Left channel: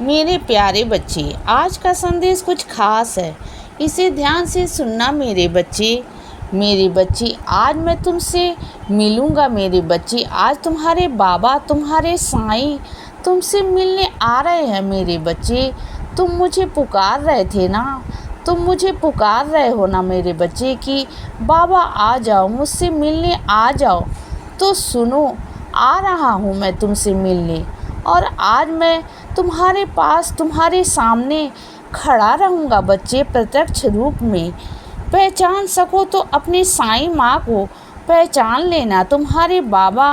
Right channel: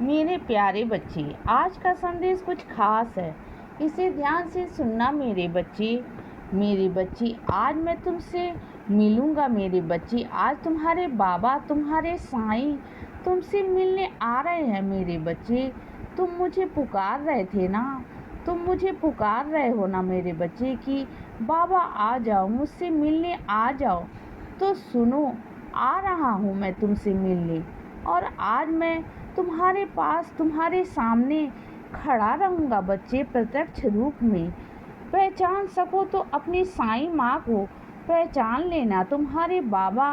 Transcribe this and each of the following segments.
मेरे प्यारे बच्चे, आज का संदेश कुछ खास है। इसे ध्यान से सुनना मेरे बच्चे। मेरे बच्चे, आज मैं तुमसे मिलूँगा मेरे बच्चे। आज तुम्हारे बाबा, तुम्हारे साईं तुमसे मिलने आ रहे हैं मेरे बच्चे। तुम मुझे पुकार रहे थे ना, तुम मुझे पुकार रहे हो ना मेरे बच्चे कि बाबा आ जाओ, मुझसे मिलने आ जाओ। तो सुनो, आ रहा हूँ मैं तुमसे मिलने, और आज मैं तुम्हारे पास, तुम्हारे सामने खड़ा रहूँगा बच्चे, प्रत्यक्ष रूप में। पहचान सको तो अपनी साईं माँ को पहचान लेना। तुम्हारे बाबा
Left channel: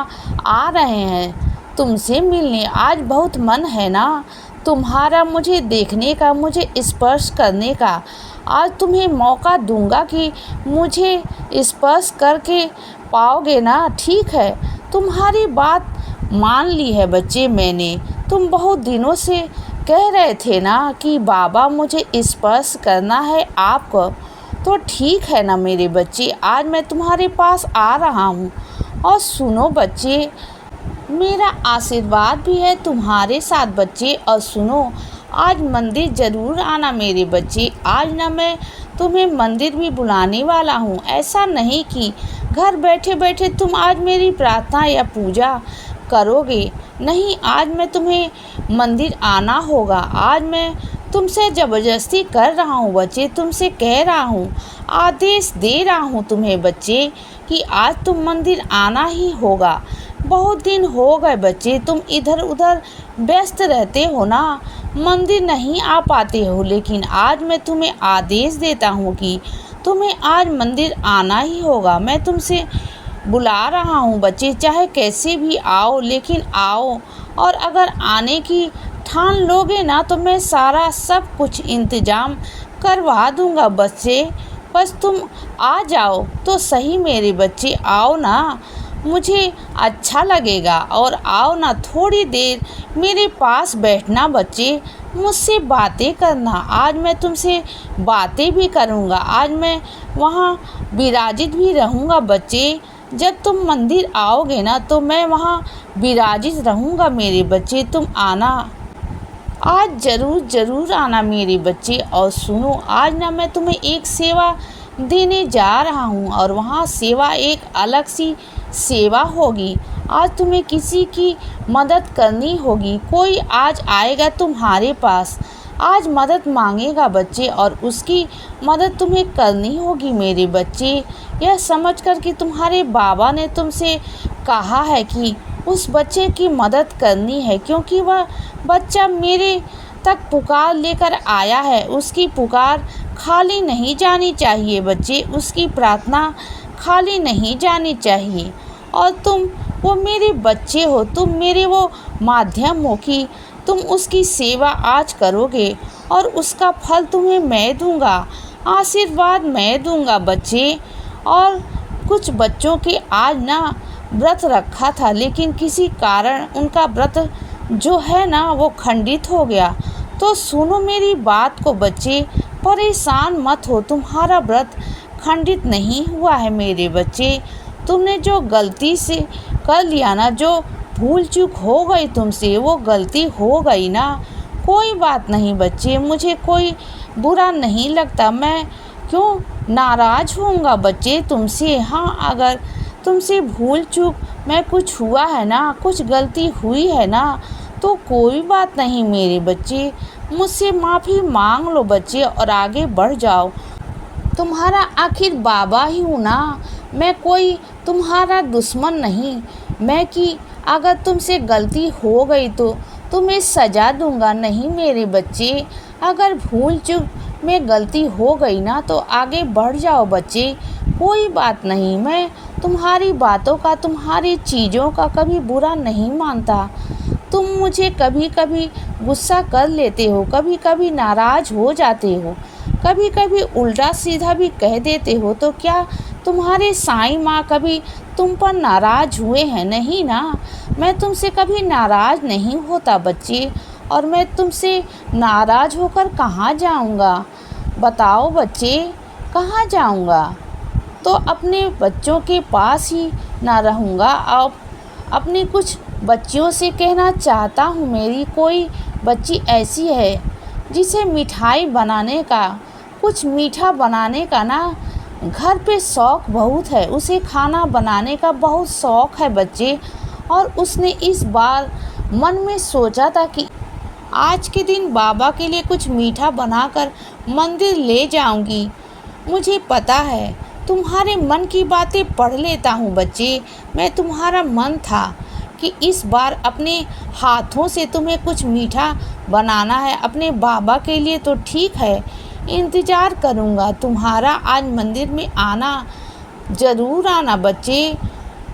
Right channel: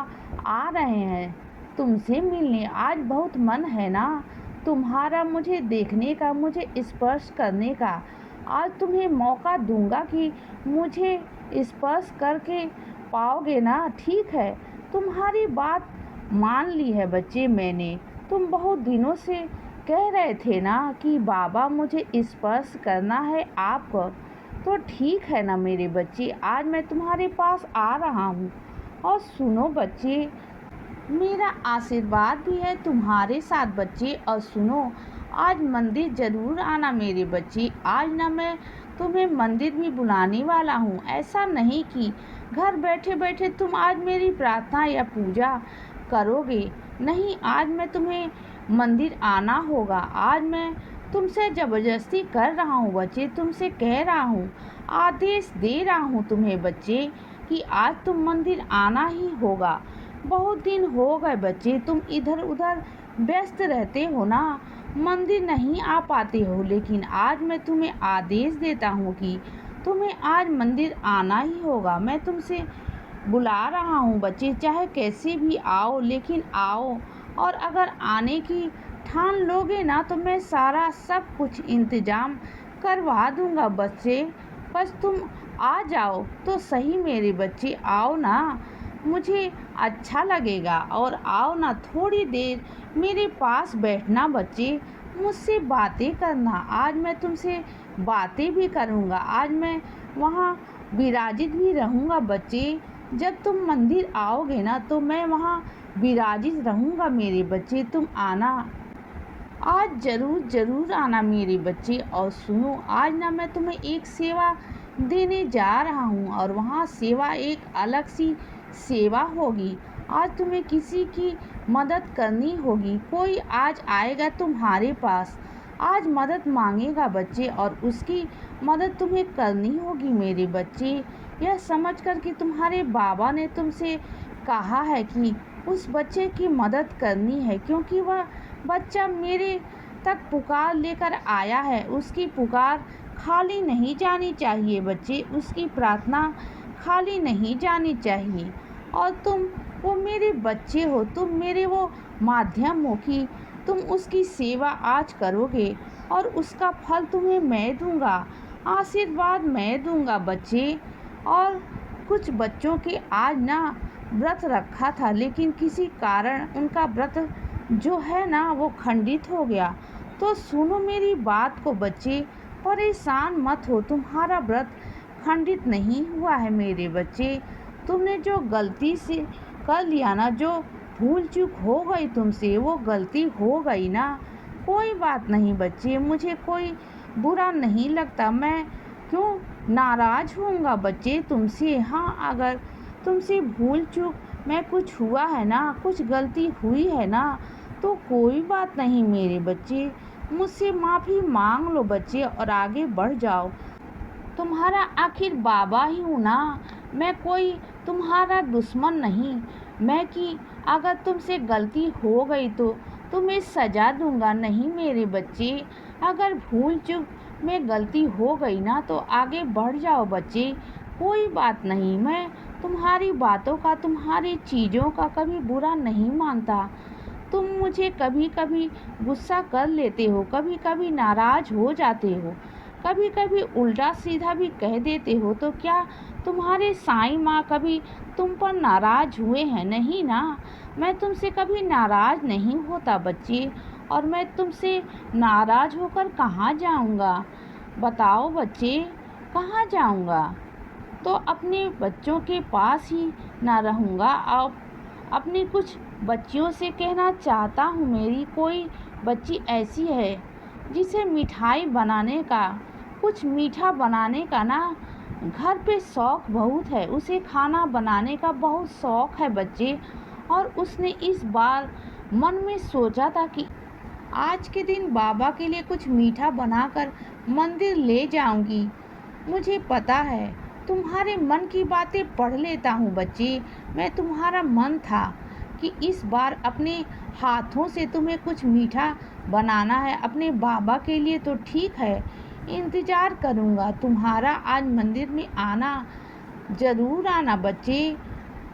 आ रहे हैं तुमसे मिलने। आज बहुत मन है ना तुम्हारा मुझे देखने का, मुझे स्पर्श करने का। आज तुम्हें मौका दूंगा कि मुझे स्पर्श करके पाओगे ना। ठीक है, तुम्हारी बात मान ली है बच्चे मैंने। तुम बहुत दिनों से कह रहे थे ना कि बाबा मुझे स्पर्श करना है आपको। तो ठीक है ना मेरे बच्चे, आज मैं तुम्हारे पास आ रहा हूँ। और सुनो बच्चे, मेरा आशीर्वाद भी है तुम्हारे साथ बच्चे। और सुनो, आज मंदिर ज़रूर आना मेरे बच्चे। आज ना मैं तुम्हें मंदिर भी बुलाने वाला हूँ। ऐसा नहीं कि घर बैठे बैठे तुम आज मेरी प्रार्थना या पूजा करोगे। नहीं, आज मैं तुम्हें मंदिर आना होगा। आज मैं तुमसे ज़बरदस्ती कर रहा हूँ बच्चे, तुमसे कह रहा हूँ, आदेश दे रहा हूँ तुम्हें बच्चे कि आज तुम मंदिर आना ही होगा। बहुत दिन हो गए बच्चे, तुम इधर उधर व्यस्त रहते हो ना, मंदिर नहीं आ पाते हो। लेकिन आज मैं तुम्हें आदेश देता हूँ कि तुम्हें आज मंदिर आना ही होगा। मैं तुमसे बुला रहा हूँ बच्चे, चाहे कैसे भी आओ, लेकिन आओ। और अगर आने की ठान लोगे ना तो मैं सारा सब कुछ इंतज़ाम करवा दूँगा बच्चे। बस तुम आ जाओ तो सही मेरे बच्चे, आओ ना, मुझे अच्छा लगेगा। और आओ ना, थोड़ी देर मेरे पास बैठना बच्चे, मुझसे बातें करना। आज मैं तुमसे बातें भी करूँगा। आज मैं वहाँ विराजित भी रहूँगा बच्चे। जब तुम मंदिर आओगे ना तो मैं वहाँ विराजित रहूँगा मेरे बच्चे। तुम आना, आज ज़रूर ज़रूर आना मेरे बच्चे। और सुनो, आज ना मैं तुम्हें एक सेवा देने जा रहा हूँ, और वहाँ सेवा एक अलग सी सेवा होगी। आज तुम्हें किसी की मदद करनी होगी। कोई आज आएगा तुम्हारे पास, आज मदद मांगेगा बच्चे, और उसकी मदद तुम्हें करनी होगी मेरे बच्चे। यह समझकर कि तुम्हारे बाबा ने तुमसे कहा है कि उस बच्चे की मदद करनी है, क्योंकि वह बच्चा मेरे तक पुकार लेकर आया है। उसकी पुकार खाली नहीं जानी चाहिए बच्चे, उसकी प्रार्थना खाली नहीं जानी चाहिए। और तुम वो मेरे बच्चे हो, तुम मेरे वो माध्यम हो कि तुम उसकी सेवा आज करोगे, और उसका फल तुम्हें मैं दूंगा, आशीर्वाद मैं दूंगा बच्चे। और कुछ बच्चों के आज ना व्रत रखा था, लेकिन किसी कारण उनका व्रत जो है ना वो खंडित हो गया। तो सुनो मेरी बात को बच्चे, परेशान मत हो, तुम्हारा व्रत खंडित नहीं हुआ है मेरे बच्चे। तुमने जो गलती से कर लिया ना, जो भूल चूक हो गई तुमसे, वो गलती हो गई ना, कोई बात नहीं बच्चे, मुझे कोई बुरा नहीं लगता। मैं क्यों नाराज़ होऊंगा बच्चे तुमसे। हाँ, अगर तुमसे भूल चूक मैं कुछ हुआ है ना, कुछ गलती हुई है ना, तो कोई बात नहीं मेरे बच्चे, मुझसे माफ़ी मांग लो बच्चे और आगे बढ़ जाओ। तुम्हारा आखिर बाबा ही हूँ ना, मैं कोई तुम्हारा दुश्मन नहीं। मैं कि अगर तुमसे गलती हो गई तो तुम्हें सज़ा दूंगा नहीं मेरे बच्चे। अगर भूल चूक में गलती हो गई ना तो आगे बढ़ जाओ बच्चे, कोई बात नहीं। मैं तुम्हारी बातों का, तुम्हारी चीज़ों का कभी बुरा नहीं मानता। तुम मुझे कभी कभी गुस्सा कर लेते हो, कभी कभी नाराज़ हो जाते हो, कभी कभी उल्टा सीधा भी कह देते हो। तो क्या तुम्हारे साईं माँ कभी तुम पर नाराज़ हुए हैं? नहीं ना, मैं तुमसे कभी नाराज़ नहीं होता बच्चे। और मैं तुमसे नाराज़ होकर कहाँ जाऊँगा बताओ बच्चे, कहाँ जाऊँगा? तो अपने बच्चों के पास ही ना रहूँगा, और अपने कुछ बच्चियों से कहना चाहता हूँ, मेरी कोई बच्ची ऐसी है जिसे मिठाई बनाने का, कुछ मीठा बनाने का ना घर पे शौक़ बहुत है, उसे खाना बनाने का बहुत शौक़ है बच्चे। और उसने इस बार मन में सोचा था कि आज के दिन बाबा के लिए कुछ मीठा बनाकर मंदिर ले जाऊंगी। मुझे पता है तुम्हारे मन की बातें पढ़ लेता हूँ बच्चे। मैं तुम्हारा मन था कि इस बार अपने हाथों से तुम्हें कुछ मीठा बनाना है अपने बाबा के लिए, तो ठीक है, इंतज़ार करूँगा तुम्हारा। आज मंदिर में आना, ज़रूर आना बच्चे।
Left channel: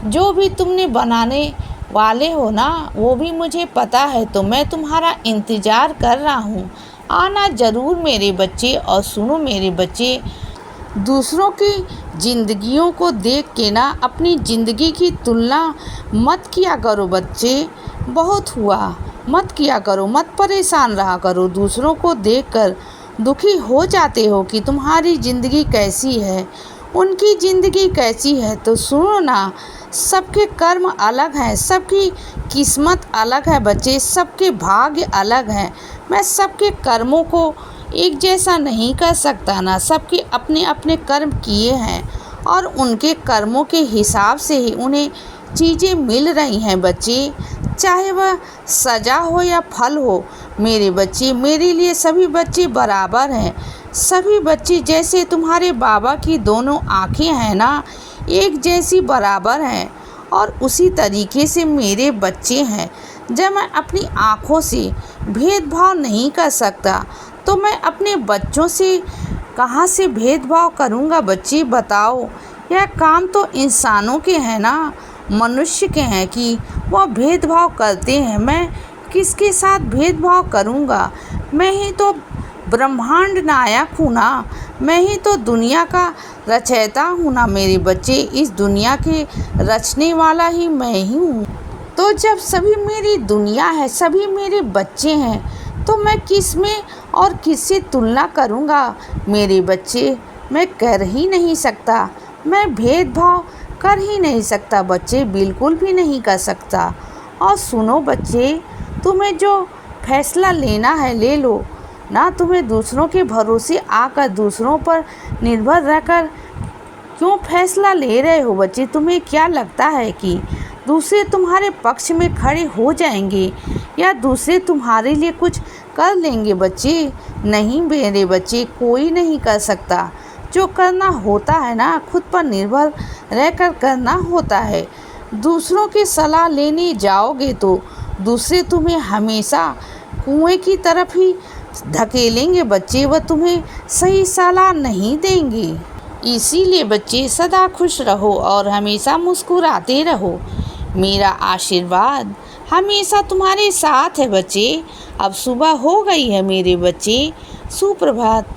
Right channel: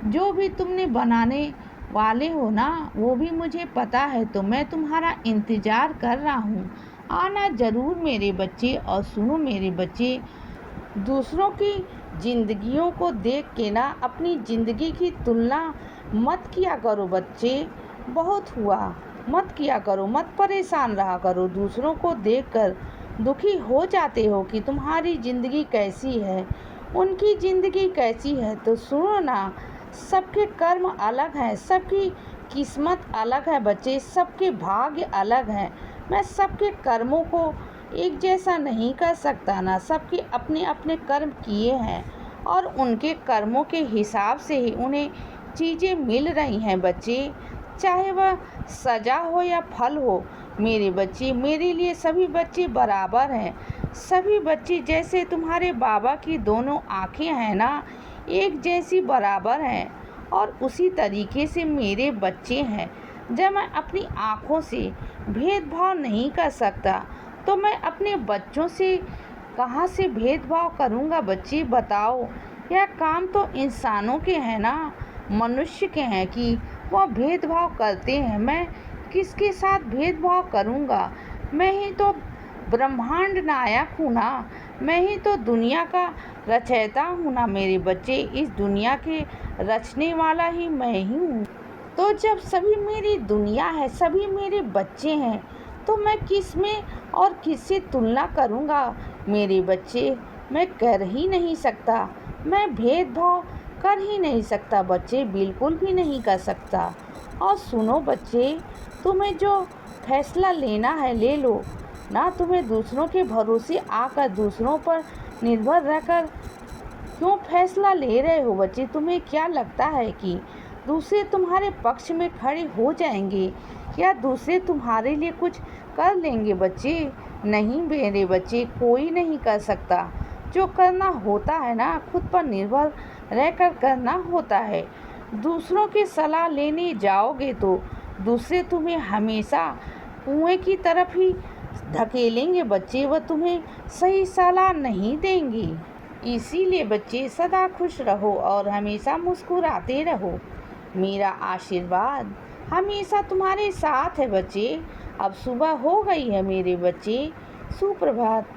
जो भी तुमने बनाने वाले हो ना वो भी मुझे पता है, तो मैं तुम्हारा इंतज़ार कर रहा हूँ। आना ज़रूर मेरे बच्चे। और सुनो मेरे बच्चे, दूसरों की ज़िंदगियों को देख के ना अपनी ज़िंदगी की तुलना मत किया करो बच्चे। बहुत हुआ, मत किया करो, मत परेशान रहा करो। दूसरों को देखकर दुखी हो जाते हो कि तुम्हारी ज़िंदगी कैसी है, उनकी ज़िंदगी कैसी है। तो सुनो ना, सबके कर्म अलग हैं, सबकी किस्मत अलग है बच्चे, सबके भाग्य अलग हैं। मैं सबके कर्मों को एक जैसा नहीं कर सकता ना, सबके अपने अपने कर्म किए हैं और उनके कर्मों के हिसाब से ही उन्हें चीज़ें मिल रही हैं बच्चे, चाहे वह सज़ा हो या फल हो। मेरे बच्चे, मेरे लिए सभी बच्चे बराबर हैं। सभी बच्चे जैसे तुम्हारे बाबा की दोनों आँखें हैं ना, एक जैसी बराबर हैं, और उसी तरीके से मेरे बच्चे हैं। जब मैं अपनी आँखों से भेदभाव नहीं कर सकता तो मैं अपने बच्चों से कहाँ से भेदभाव करूँगा बच्चे, बताओ। यह काम तो इंसानों के हैं ना, मनुष्य के हैं कि वह भेदभाव करते हैं। मैं किसके साथ भेदभाव करूँगा? मैं ही तो ब्रह्मांड नायक हूँ ना, मैं ही तो दुनिया का रचयिता हूँ ना मेरे बच्चे। इस दुनिया के रचने वाला ही मैं ही हूँ। तो जब सभी मेरी दुनिया है, सभी मेरे बच्चे हैं, तो मैं किस में और किससे तुलना करूँगा मेरे बच्चे? मैं कर ही नहीं सकता, मैं भेदभाव कर ही नहीं सकता बच्चे, बिल्कुल भी नहीं कर सकता। और सुनो बच्चे, तुम्हें जो फैसला लेना है ले लो ना। तुम्हें दूसरों के भरोसे आकर, दूसरों पर निर्भर रहकर क्यों फैसला ले रहे हो बच्चे? तुम्हें क्या लगता है कि दूसरे तुम्हारे पक्ष में खड़े हो जाएंगे या दूसरे तुम्हारे लिए कुछ कर लेंगे बच्चे? नहीं मेरे बच्चे, कोई नहीं कर सकता। जो करना होता है ना, खुद पर निर्भर रहकर करना होता है। दूसरों की सलाह लेने जाओगे तो दूसरे तुम्हें हमेशा कुएं की तरफ ही धकेलेंगे बच्चे, वह तुम्हें सही सलाह नहीं देंगे। इसीलिए बच्चे सदा खुश रहो और हमेशा मुस्कुराते रहो। मेरा आशीर्वाद हमेशा तुम्हारे साथ है बच्चे। अब सुबह हो गई है मेरे बच्चे, सुप्रभात।